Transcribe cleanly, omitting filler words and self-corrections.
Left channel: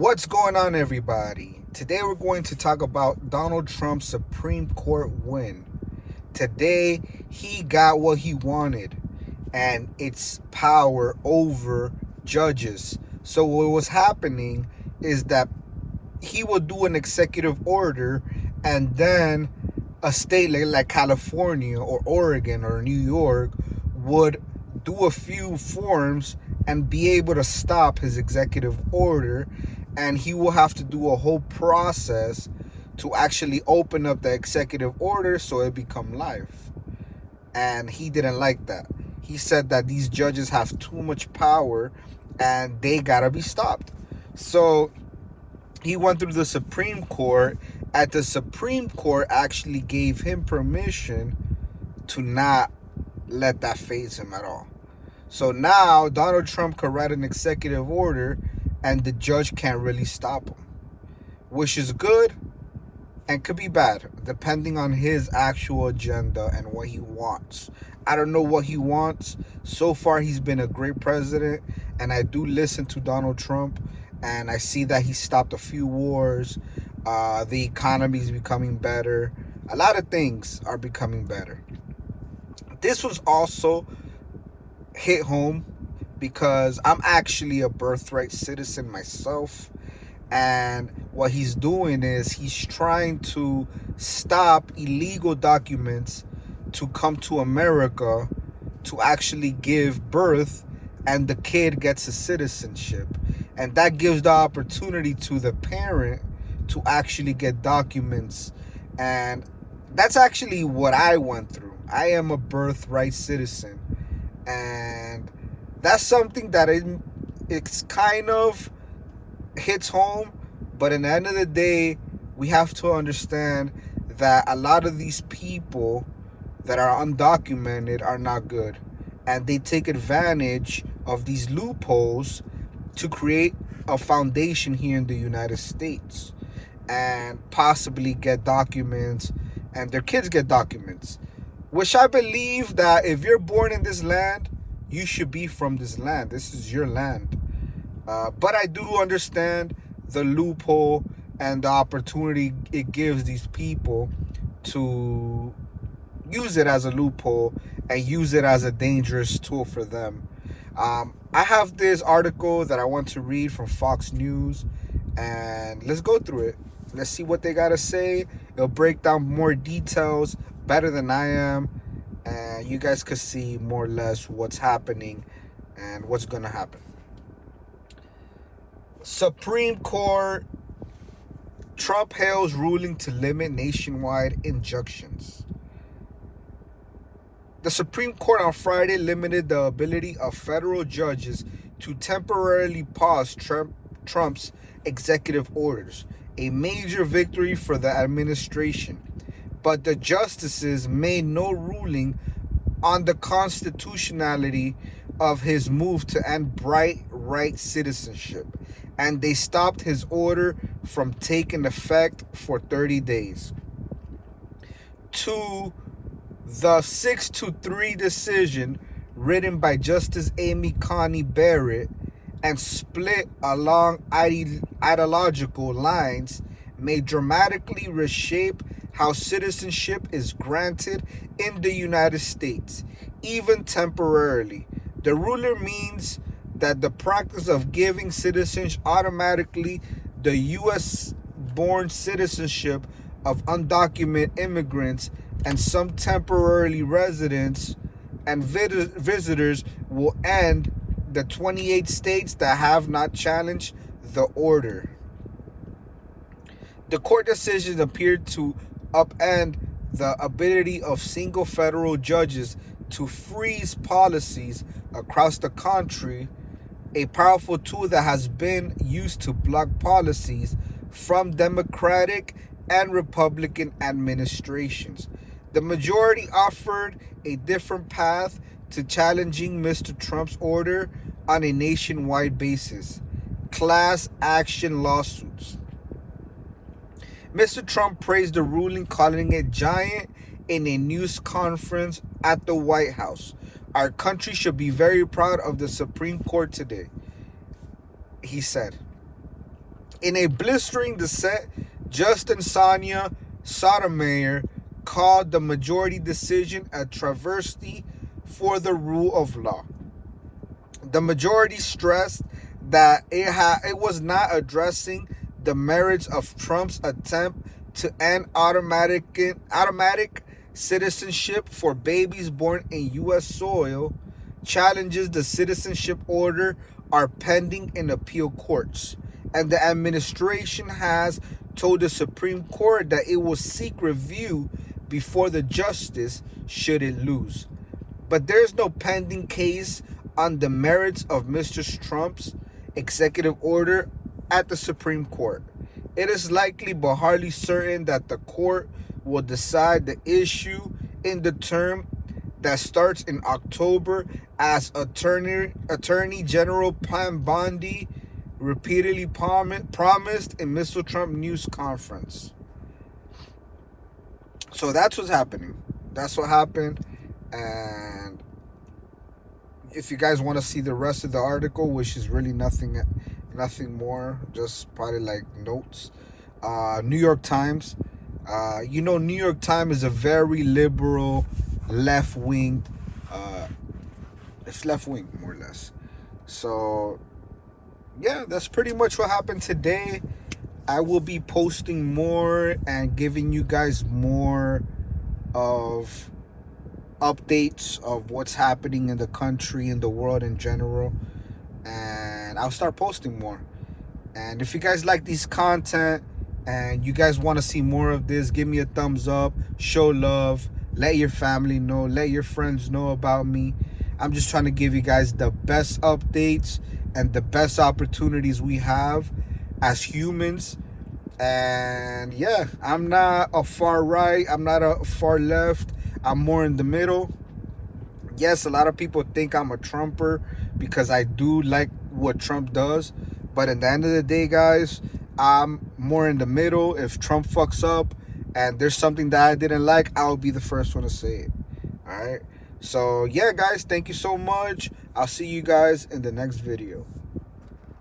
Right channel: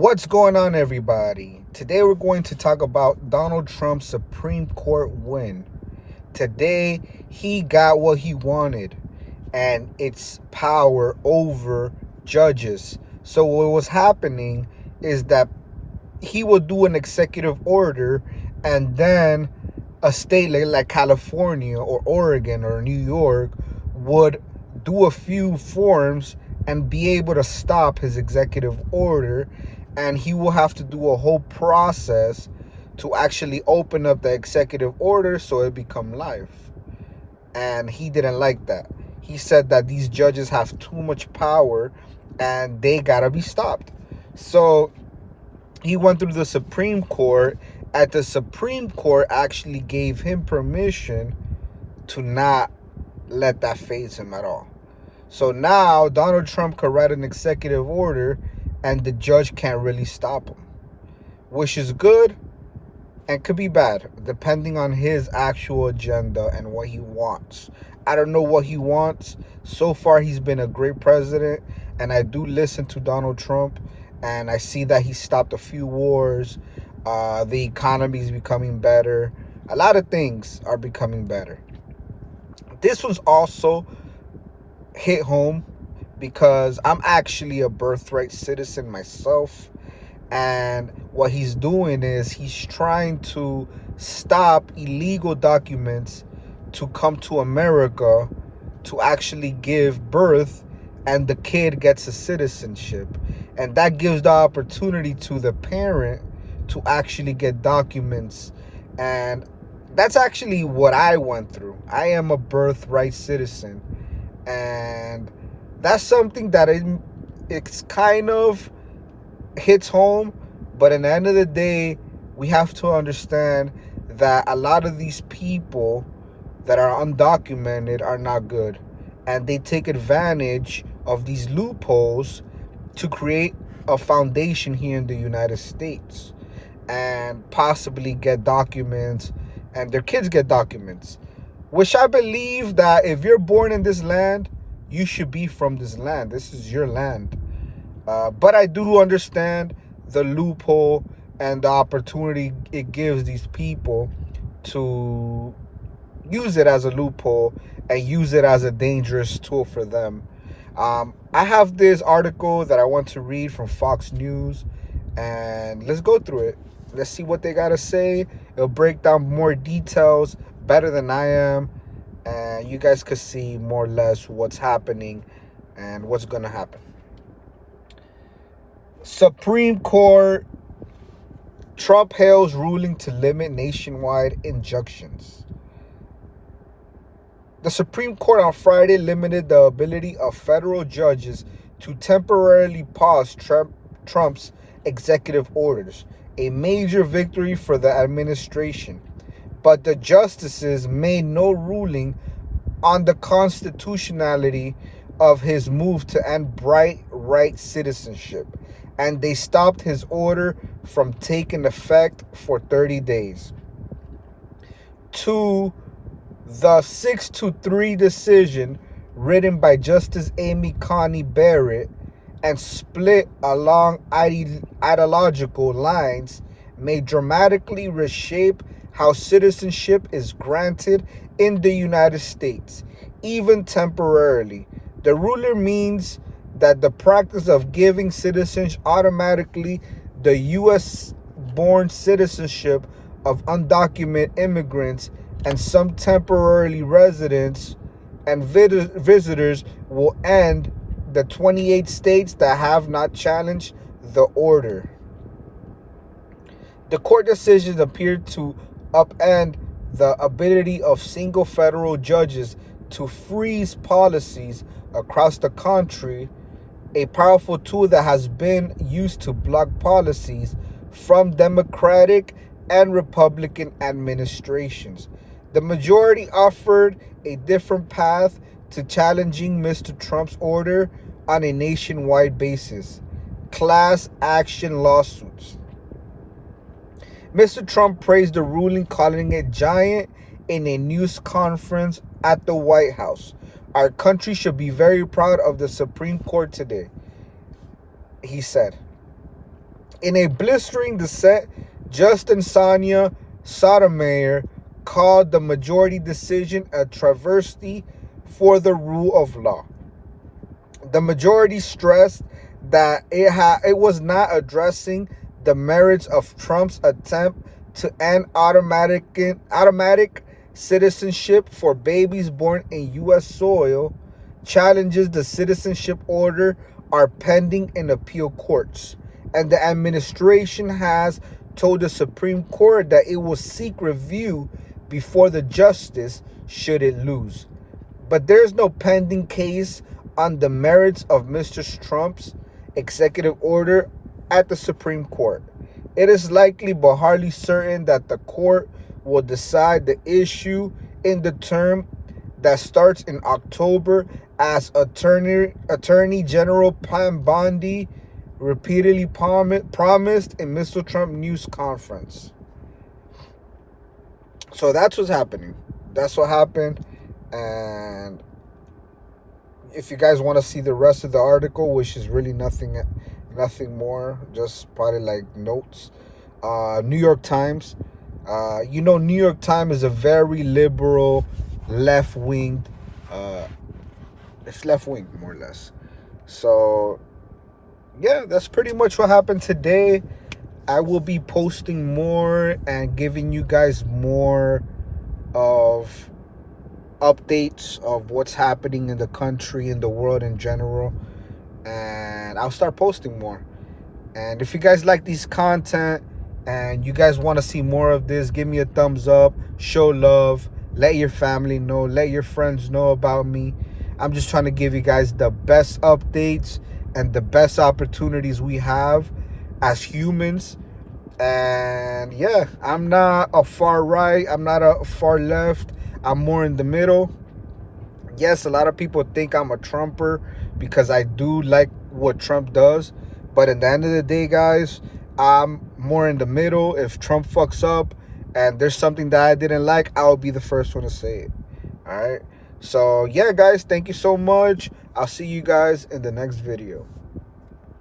What's going on, everybody? Today we're going to talk about Donald Trump's Supreme Court win. Today he got what he wanted, and it's power over judges. So what was happening is that he would do an executive order, and then a state like California or Oregon or New York would do a few forms and be able to stop his executive order, and he will have to do a whole process to actually open up the executive order so it become life. And he didn't like that. He said that these judges have too much power and they gotta be stopped. So he went through the Supreme Court, and the Supreme Court actually gave him permission to not let that phase him at all. So now Donald Trump could write an executive order and the judge can't really stop him, which is good and could be bad depending on his actual agenda and what he wants. I don't know what he wants. So far, he's been a great president, and I do listen to Donald Trump, and I see that he stopped a few wars. The economy is becoming better. A lot of things are becoming better. This was also hit home because I'm actually a birthright citizen myself. And what he's doing is he's trying to stop illegal documents to come to America to actually give birth, and the kid gets a citizenship. And that gives the opportunity to the parent to actually get documents. And that's actually what I went through. I am a birthright citizen. And that's something that it's kind of hits home, but at the end of the day, we have to understand that a lot of these people that are undocumented are not good, and they take advantage of these loopholes to create a foundation here in the United States and possibly get documents, and their kids get documents, which I believe that if you're born in this land, you should be from this land. This is your land. But I do understand the loophole and the opportunity it gives these people to use it as a loophole and use it as a dangerous tool for them. I have this article that I want to read from Fox News, and let's go through it. Let's see what they got to say. It'll break down more details better than I am, and you guys could see more or less what's happening and what's going to happen. Supreme Court, Trump hails ruling to limit nationwide injunctions. The Supreme Court on Friday limited the ability of federal judges to temporarily pause Trump's executive orders, a major victory for the administration. But the justices made no ruling on the constitutionality of his move to end Birthright citizenship, and they stopped his order from taking effect for 30 days. To the 6-3 decision written by Justice Amy Coney Barrett and split along ideological lines may dramatically reshape how citizenship is granted in the United States, even temporarily. The ruler means that the practice of giving citizens automatically the U.S.-born citizenship of undocumented immigrants and some temporarily residents and visitors will end the 28 states that have not challenged the order. The court decision appeared to upend the ability of single federal judges to freeze policies across the country, a powerful tool that has been used to block policies from Democratic and Republican administrations. The majority offered a different path to challenging Mr. Trump's order on a nationwide basis: class action lawsuits. Mr. Trump praised the ruling, calling it giant, in a news conference at the White House. Our country should be very proud of the Supreme Court today, he said. In a blistering dissent, Justin Sonia Sotomayor called the majority decision a travesty for the rule of law. The majority stressed that it was not addressing the merits of Trump's attempt to end automatic citizenship for babies born in U.S. soil. Challenges the citizenship order are pending in appeal courts, and the administration has told the Supreme Court that it will seek review before the justice should it lose. But there's no pending case on the merits of Mr. Trump's executive order at the Supreme Court. It is likely but hardly certain that the court will decide the issue in the term that starts in October, as Attorney General Pam Bondi repeatedly promised in Mr. Trump news conference. So that's what's happening. That's what happened. And if you guys want to see the rest of the article, which is really nothing more, just probably like notes. New York Times. New York Times is a very liberal, left-winged. It's left-wing, more or less. So, yeah, that's pretty much what happened today. I will be posting more and giving you guys more of updates of what's happening in the country, in the world in general. And I'll start posting more. And if you guys like these content and you guys want to see more of this, give me a thumbs up, show love, let your family know, let your friends know about me. I'm just trying to give you guys the best updates and the best opportunities we have as humans. And yeah, I'm not a far right, I'm not a far left, I'm more in the middle. Yes, a lot of people think I'm a Trumper because I do like what Trump does. But at the end of the day, guys, I'm more in the middle. If Trump fucks up and there's something that I didn't like, I'll be the first one to say it. All right. So, yeah, guys, thank you so much. I'll see you guys in the next video.